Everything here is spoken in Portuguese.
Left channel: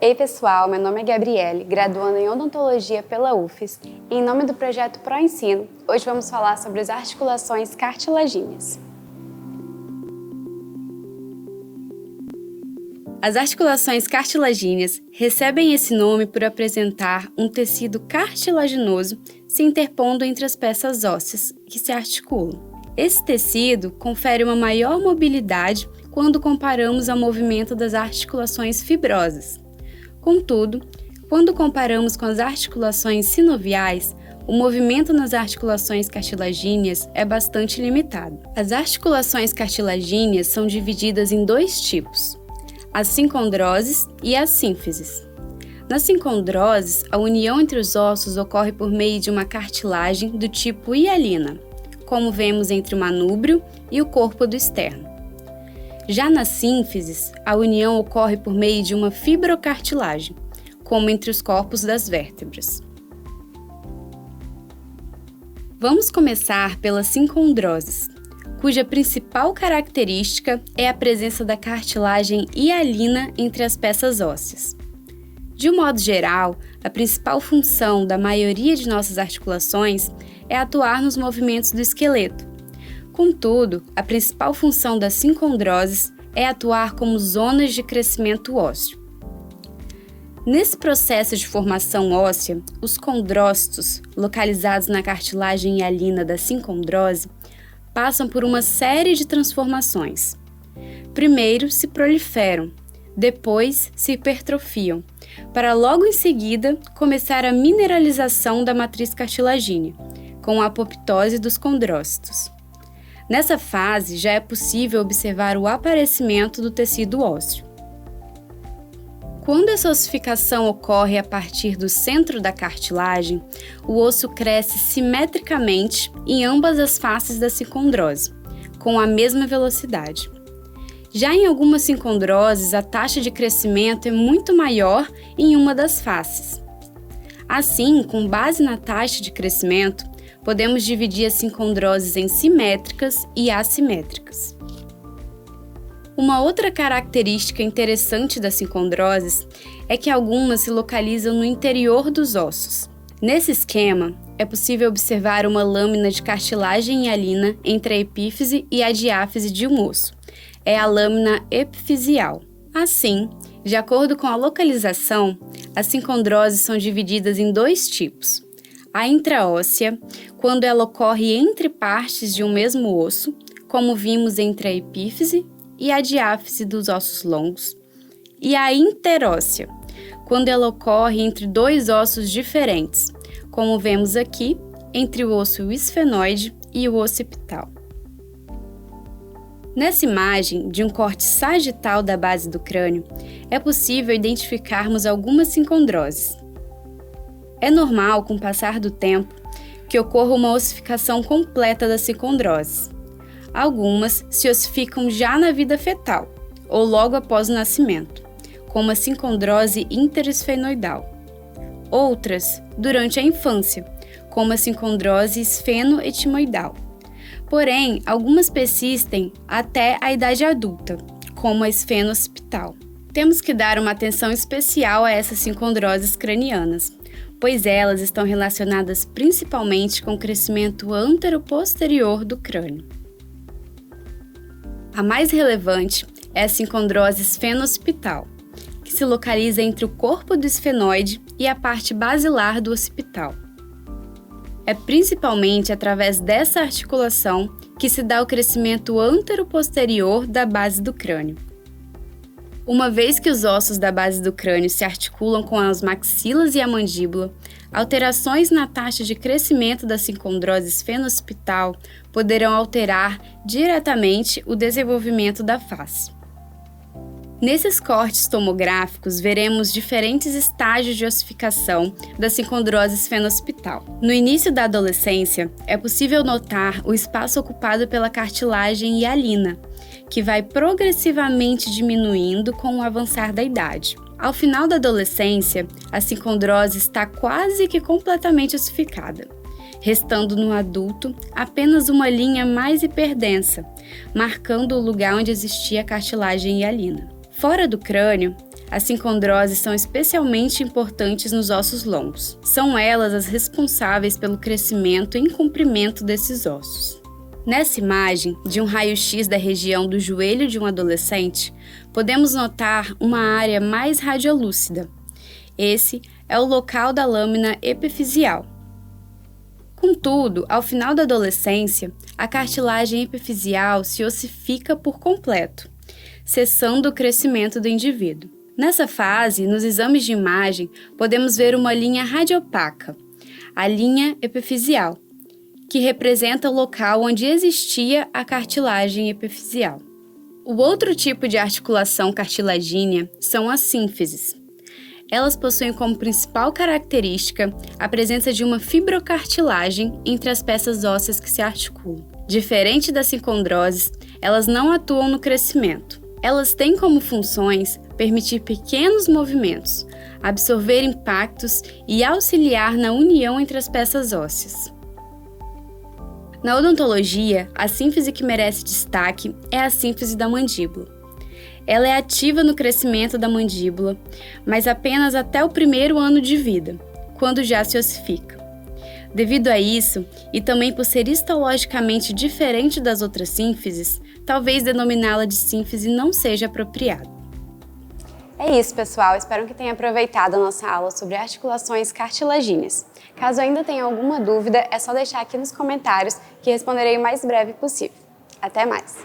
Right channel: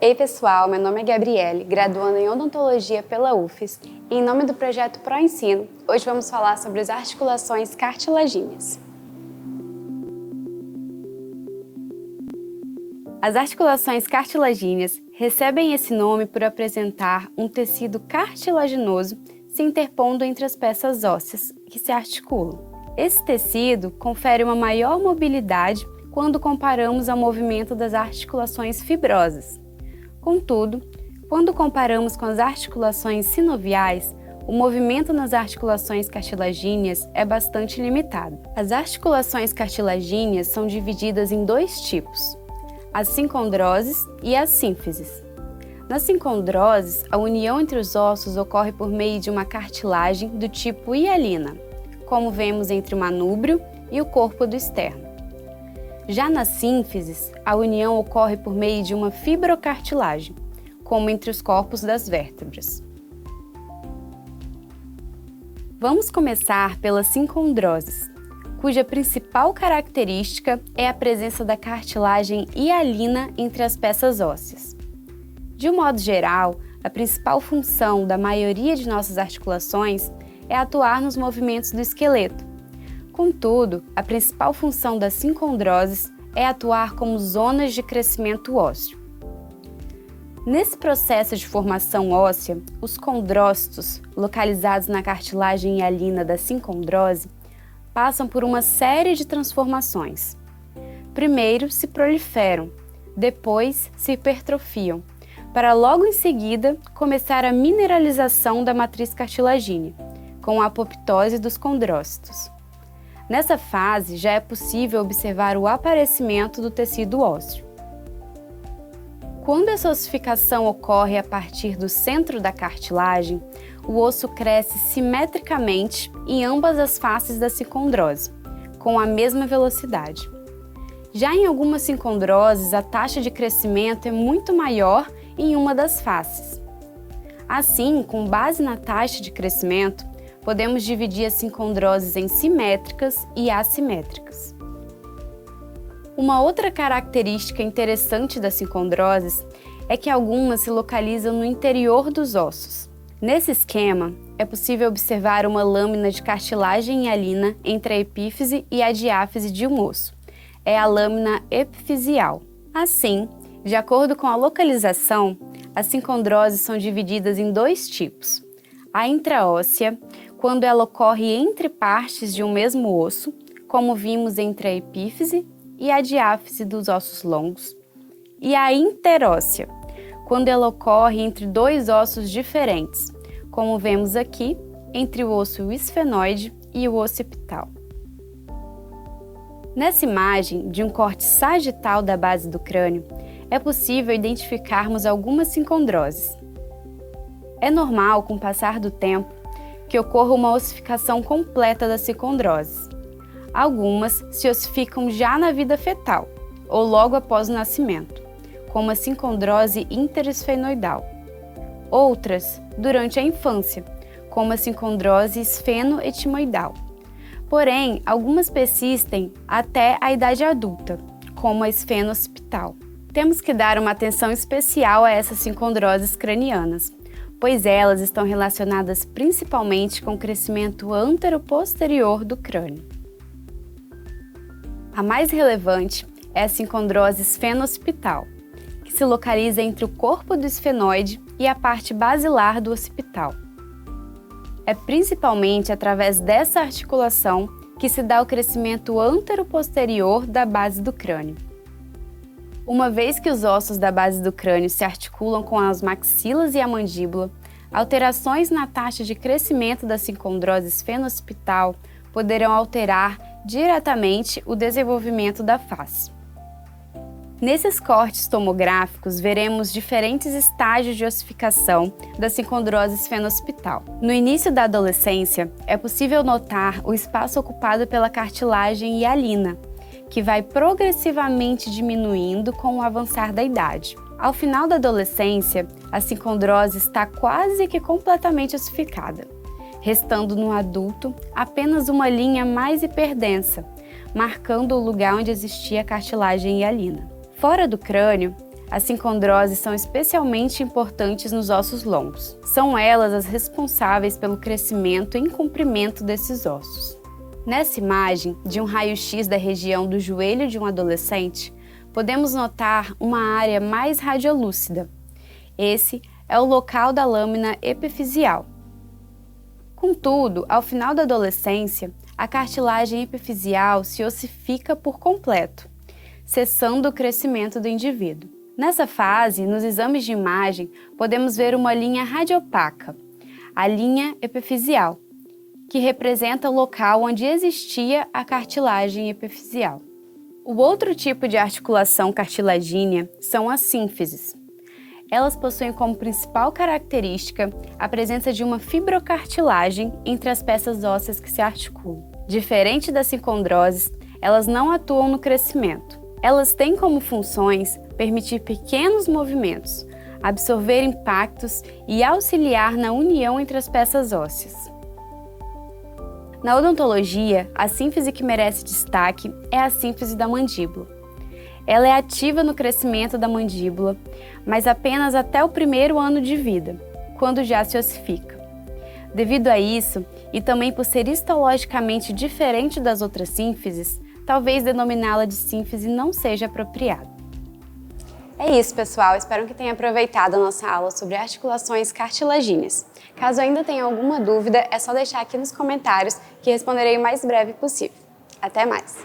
Ei pessoal, meu nome é Gabriele, graduando em Odontologia pela UFES e em nome do projeto ProEnsino, hoje vamos falar sobre as articulações cartilagíneas. As articulações cartilagíneas recebem esse nome por apresentar um tecido cartilaginoso se interpondo entre as peças ósseas que se articulam. Esse tecido confere uma maior mobilidade quando comparamos ao movimento das articulações fibrosas. Contudo, quando comparamos com as articulações sinoviais, o movimento nas articulações cartilagíneas é bastante limitado. As articulações cartilagíneas são divididas em dois tipos: as sincondroses e as sínfises. Nas sincondroses, a união entre os ossos ocorre por meio de uma cartilagem do tipo hialina, como vemos entre o manúbrio e o corpo do externo. Já nas sínfises, a união ocorre por meio de uma fibrocartilagem, como entre os corpos das vértebras. Vamos começar pelas sincondroses, cuja principal característica é a presença da cartilagem hialina entre as peças ósseas. De um modo geral, a principal função da maioria de nossas articulações é atuar nos movimentos do esqueleto. Contudo, a principal função das sincondroses é atuar como zonas de crescimento ósseo. Nesse processo de formação óssea, os condrócitos, localizados na cartilagem hialina da sincondrose, passam por uma série de transformações. Primeiro se proliferam, depois se hipertrofiam, para logo em seguida começar a mineralização da matriz cartilagínea, com a apoptose dos condrócitos. Nessa fase, já é possível observar o aparecimento do tecido ósseo. Quando essa ossificação ocorre a partir do centro da cartilagem, o osso cresce simetricamente em ambas as faces da sincondrose, com a mesma velocidade. Já em algumas sincondroses, a taxa de crescimento é muito maior em uma das faces. Assim, com base na taxa de crescimento, podemos dividir as sincondroses em simétricas e assimétricas. Uma outra característica interessante das sincondroses é que algumas se localizam no interior dos ossos. Nesse esquema, é possível observar uma lâmina de cartilagem hialina entre a epífise e a diáfise de um osso. É a lâmina epifisial. Assim, de acordo com a localização, as sincondroses são divididas em dois tipos: a intraóssea, quando ela ocorre entre partes de um mesmo osso, como vimos entre a epífise e a diáfise dos ossos longos, e a interóssea, quando ela ocorre entre dois ossos diferentes, como vemos aqui entre o osso esfenoide e o occipital. Nessa imagem de um corte sagital da base do crânio, é possível identificarmos algumas sincondroses. É normal, com o passar do tempo, que ocorra uma ossificação completa das sincondroses. Algumas se ossificam já na vida fetal, ou logo após o nascimento, como a sincondrose interesfenoidal. Outras, durante a infância, como a sincondrose esfenoetimoidal. Porém, algumas persistem até a idade adulta, como a esfeno-occipital. Temos que dar uma atenção especial a essas sincondroses cranianas, pois elas estão relacionadas principalmente com o crescimento antero-posterior do crânio. A mais relevante é a sincondrose esfeno-occipital, que se localiza entre o corpo do esfenoide e a parte basilar do occipital. É principalmente através dessa articulação que se dá o crescimento antero-posterior da base do crânio. Uma vez que os ossos da base do crânio se articulam com as maxilas e a mandíbula, alterações na taxa de crescimento da sincondrose esfeno-occipital poderão alterar diretamente o desenvolvimento da face. Nesses cortes tomográficos, veremos diferentes estágios de ossificação da sincondrose esfeno-occipital. No início da adolescência, é possível notar o espaço ocupado pela cartilagem hialina, que vai progressivamente diminuindo com o avançar da idade. Ao final da adolescência, a sincondrose está quase que completamente ossificada, restando no adulto apenas uma linha mais hiperdensa, marcando o lugar onde existia a cartilagem hialina. Fora do crânio, As sincondroses são especialmente importantes nos ossos longos. São elas as responsáveis pelo crescimento e comprimento desses ossos. Nessa imagem, de um raio-x da região do joelho de um adolescente, podemos notar uma área mais radiolúcida. Esse é o local da lâmina epifisial. Contudo, ao final da adolescência, a cartilagem epifisial se ossifica por completo, cessando o crescimento do indivíduo. Nessa fase, nos exames de imagem, podemos ver uma linha radiopaca, a linha epifisial, que representa o local onde existia a cartilagem epifisial. O outro tipo de articulação cartilagínea são as sínfises. Elas possuem como principal característica a presença de uma fibrocartilagem entre as peças ósseas que se articulam. Diferente das sincondroses, elas não atuam no crescimento. Elas têm como funções permitir pequenos movimentos, absorver impactos e auxiliar na união entre as peças ósseas. Na odontologia, a sínfise que merece destaque é a sínfise da mandíbula. Ela é ativa no crescimento da mandíbula, mas apenas até o primeiro ano de vida, quando já se ossifica. Devido a isso, e também por ser histologicamente diferente das outras sínfises, talvez denominá-la de sínfise não seja apropriado. É isso, pessoal. Espero que tenha aproveitado a nossa aula sobre articulações cartilagíneas. Caso ainda tenha alguma dúvida, é só deixar aqui nos comentários que responderei o mais breve possível. Até mais!